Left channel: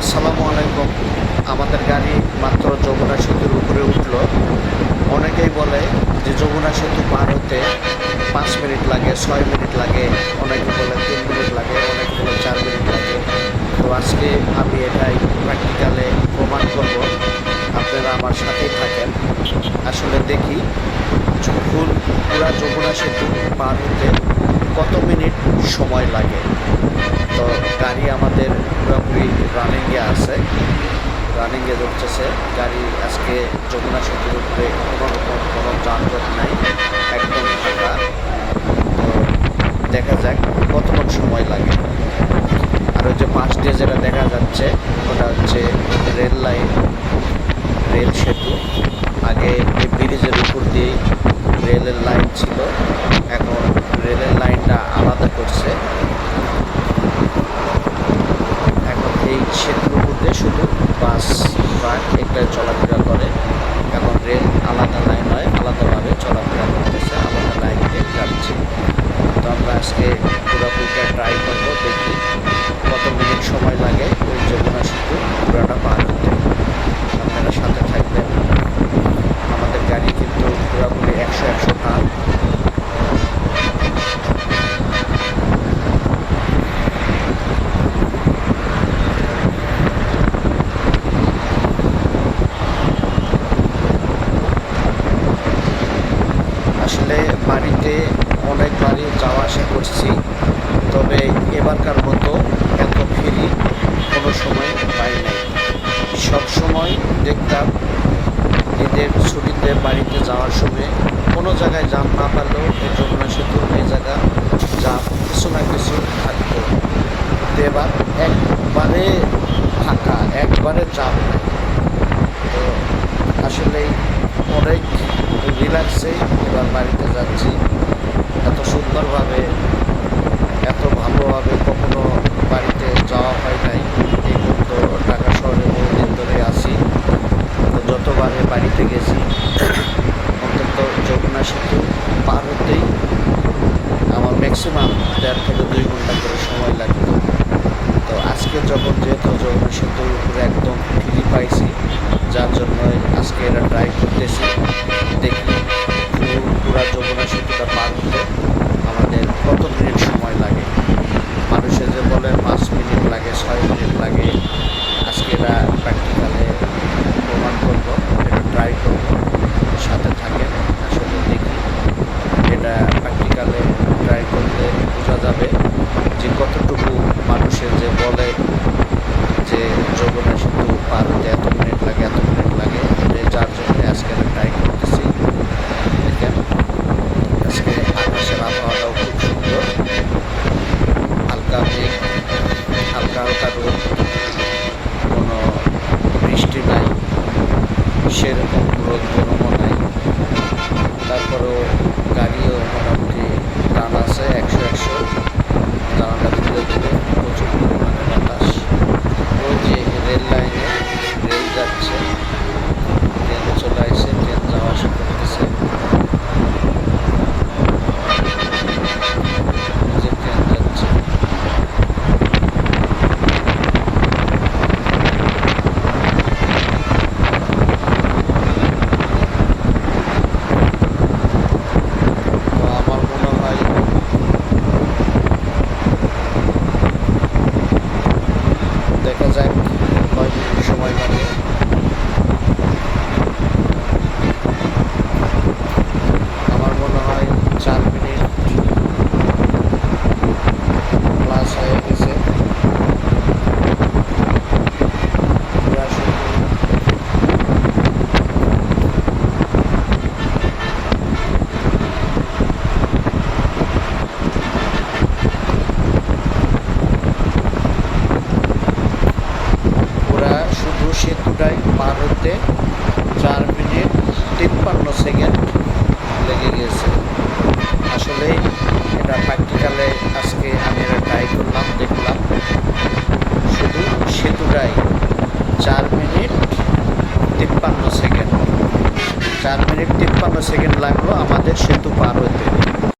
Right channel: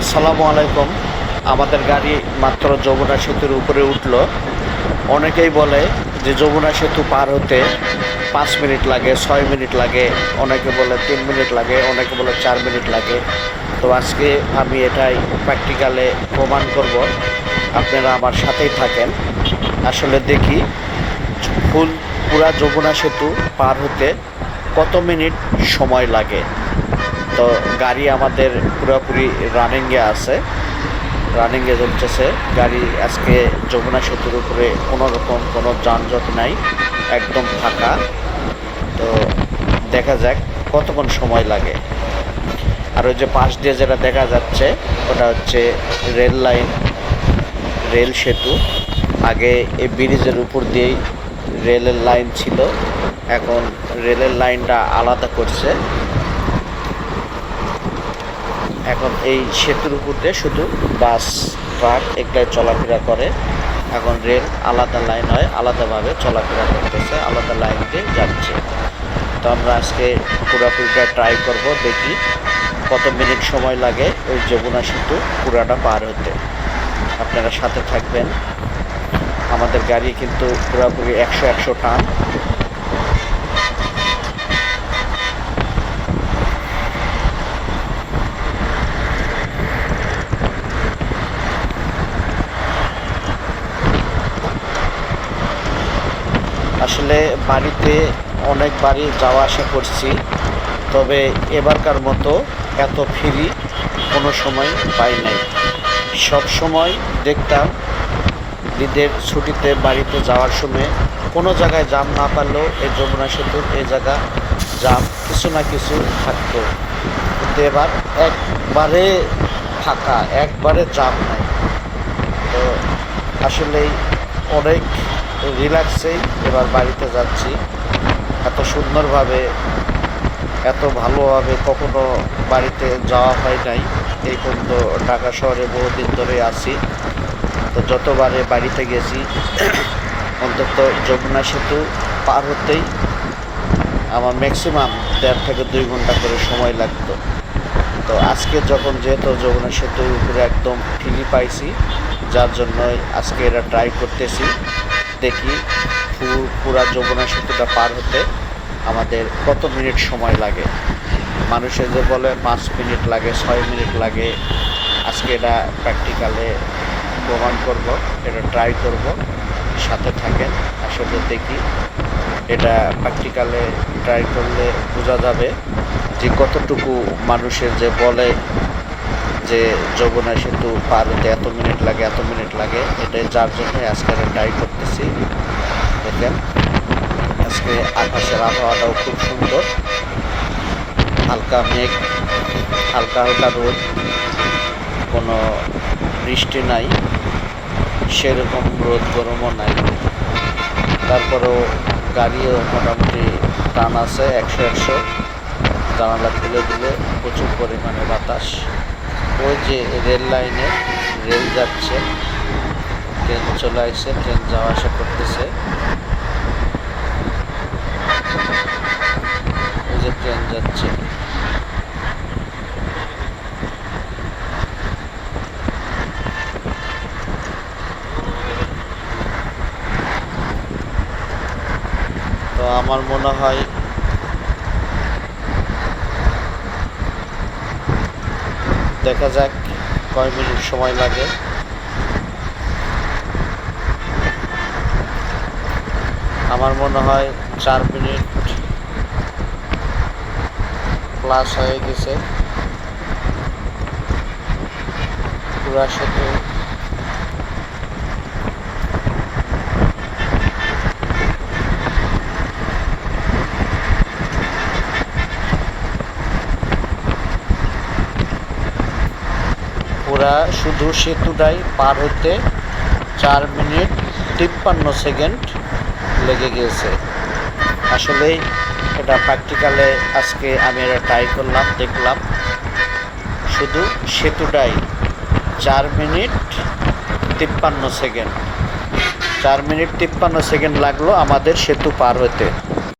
আসসালামু আলাইকুম। আমাদের গাড়ি মাত্র যমুনা সেতুর উপরে উঠল। অনেকেই বলে যে যমুনা সেতু পার হতে পাঁচ মিনিট লাগে, ছয় মিনিট লাগে, অনেকে বলে তিন মিনিট লাগে, অনেকে বলে চার মিনিট লাগে। তো আজকে আমি এটাই প্র্যাকটিক্যালে প্রমাণ করব। আপনারা আমার সাথেই থাকেন। আসলে দেখি, ফুল, পুরা যমুনা সেতু পার হতে কত মিনিট সময় লাগে? তো গাড়ি আমাদের পুরোপুরি রানিংয়ে আছে। রানিংয়ে চলতেছে। গাড়ি আজকে যমুনা সেতুর উপরে কোনো রকম কোনো যানজট নাই, একদম ফাঁকা। তো দেখা যাক কতক্ষণ সময় লাগে। আর ওই যে পাশ দিয়ে যেটা দেখা যাচ্ছে, ওটা হচ্ছে রেল লাইন, রেল সেতু। আগে এই ব্রিজের উপর দিয়েই রেলের লাইন ছিল। এখন রেলের লাইনটা আলাদা করছে। এই সেতুর উপর দিয়ে শুধু বাস, ট্রাক এগুলো চলাফেরা করে। এখন রেল আলাদা লাইন হয়, আলাদাভাবে চলাফেরা করতেছে, আলাদা লাইন দিয়ে যাচ্ছে। তো আমরা আজকে পুরাপুরিটা ট্রাই করব, দেখি কত মিনিট সময় লাগে ওই যমুনা সেতু পুরাটা পার হতে আপনারা সাথে থাকবেন। আমাদের গাড়ি কিন্তু পুরাপুরি একশো একশো টান। আসলে বাড়িতে অনেকবারই যাওয়া আসা করছি, তবে এবারকার মতো এত ফ্রি কোনো সময় পাই নাই। সব সময় দেখতাম ঈদের ছুটিতে বাড়িতে যাওয়ার সময় কোনো জায়গায় জাম না পারলেও এই যমুনা সেতুর এই জায়গা জাম কিছু না কিছু থাকতো। কিন্তু এবার একবারে ফাঁকা, একবারে জাম নাই। তো আসলেই অনেক রিল্যাক্সেই এবার বাড়িতে যাচ্ছি। এত সুন্দরভাবে, এত ভালোভাবে কখনো বাড়িতে যাওয়া হয় নাই। এই পর্যন্ত ঢাকা শহরে বহুদিন ধরে আছি। তো যতবারে বাড়িতে গেছি, অন্তত যমুনা সেতু পার হতেই আমার ম্যাক্সিমাম দেড় থেকে দুই ঘণ্টা করে সময় লাগতো। তো আজকে যখন যেহেতু যমুনা সেতুর উপরে একদম ফ্রি পাইছি, যার জন্য আজকে এটা ট্রাই করতেছি। দেখি পুরা যমুনা সেতুটা পার হতে আমাদের কত মিনিট সময় লাগে। মানুষে যে বলে পাঁচ মিনিট লাগে, ছয় মিনিট লাগে, আজকে এটা প্র্যাকটিক্যালে প্রমাণ করব, এটা ট্রাই করব। সাথে থাকেন, আসলে দেখি। এটা প্র্যাকটিক্যালে ট্রাই করলে বোঝা যাবে। যে কতটুকু মানুষের যে বলে যে যমুনা সেতু পার হতে এত মিনিট লাগে, এত মিনিট লাগে, এটাই যার জন্য আজকে আমি ট্রাই করতেছি। দেখেন, আজকে আকাশের আবহাওয়াটাও খুব সুন্দর। হালকা মেঘ, হালকা হালকা রোদ, কোনো বৃষ্টি নাই, সেরকম রোদ, গরমও নাই। তারপরেও গাড়িও মোটামুটি টান আছে, একশো একশো। জানালা খুলে দিলে প্রচুর পরিমাণে বাতাস। ওই যে রেল লাইনে রেল যাচ্ছে। ট্রেন চলে আসছে, ট্রেন যাওয়া আসা করতেছে। ট্রেন যাচ্ছে। তো আমার মনে হয় দেখা যাক কয় মিনিট সময় লাগে। আমার মনে হয় চার মিনিট ক্লাস হয়ে গেছে। পুরা শুধু সেতুটাই পার হতে চার মিনিট তিপ্পান্ন সেকেন্ড লেগে গিয়েছে। আসলেই এটা প্র্যাকটিক্যালে আজকে আমি এটা ট্রাই করলাম, দেখলাম। শুধু সেতুটাই চার মিনিট তিপ্পান্ন সেকেন্ড। চার মিনিট তিপ্পান্ন সেকেন্ড লাগল আমাদের সেতু পার হতে।